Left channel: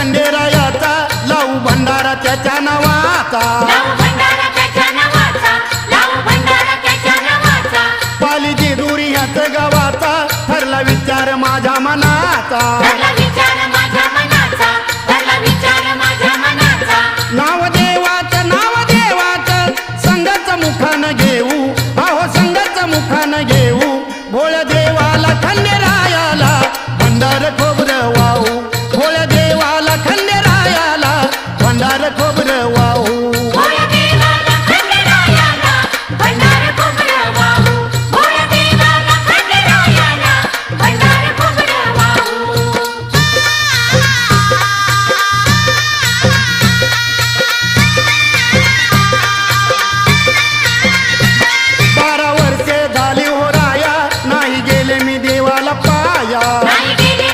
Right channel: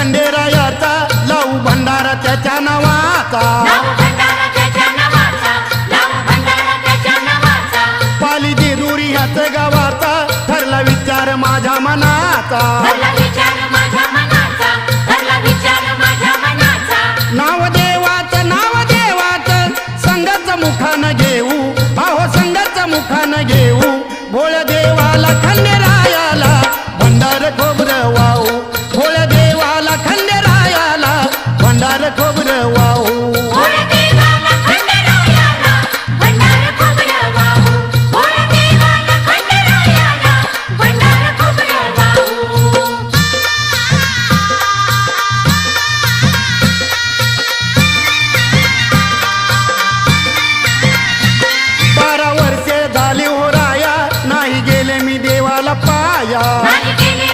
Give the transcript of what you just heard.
खंडेरायाचा लावू भंडारा त्याच्या नावाचा पाली जेजुरी ह्याच गावाचा ठरला विचार माझ्या मनाचा नाव देवाचं संघाचं मुखानं घेऊ अहो संघाचं मुखानं घेऊ भोळ्या देवाला खंडेरायाला भंडार खोबरं वाहू भोळ्या देवाला खंडेरायाला भंडार खोबरं वाहू झाली हो राया नाही गेले मी देवाला पाया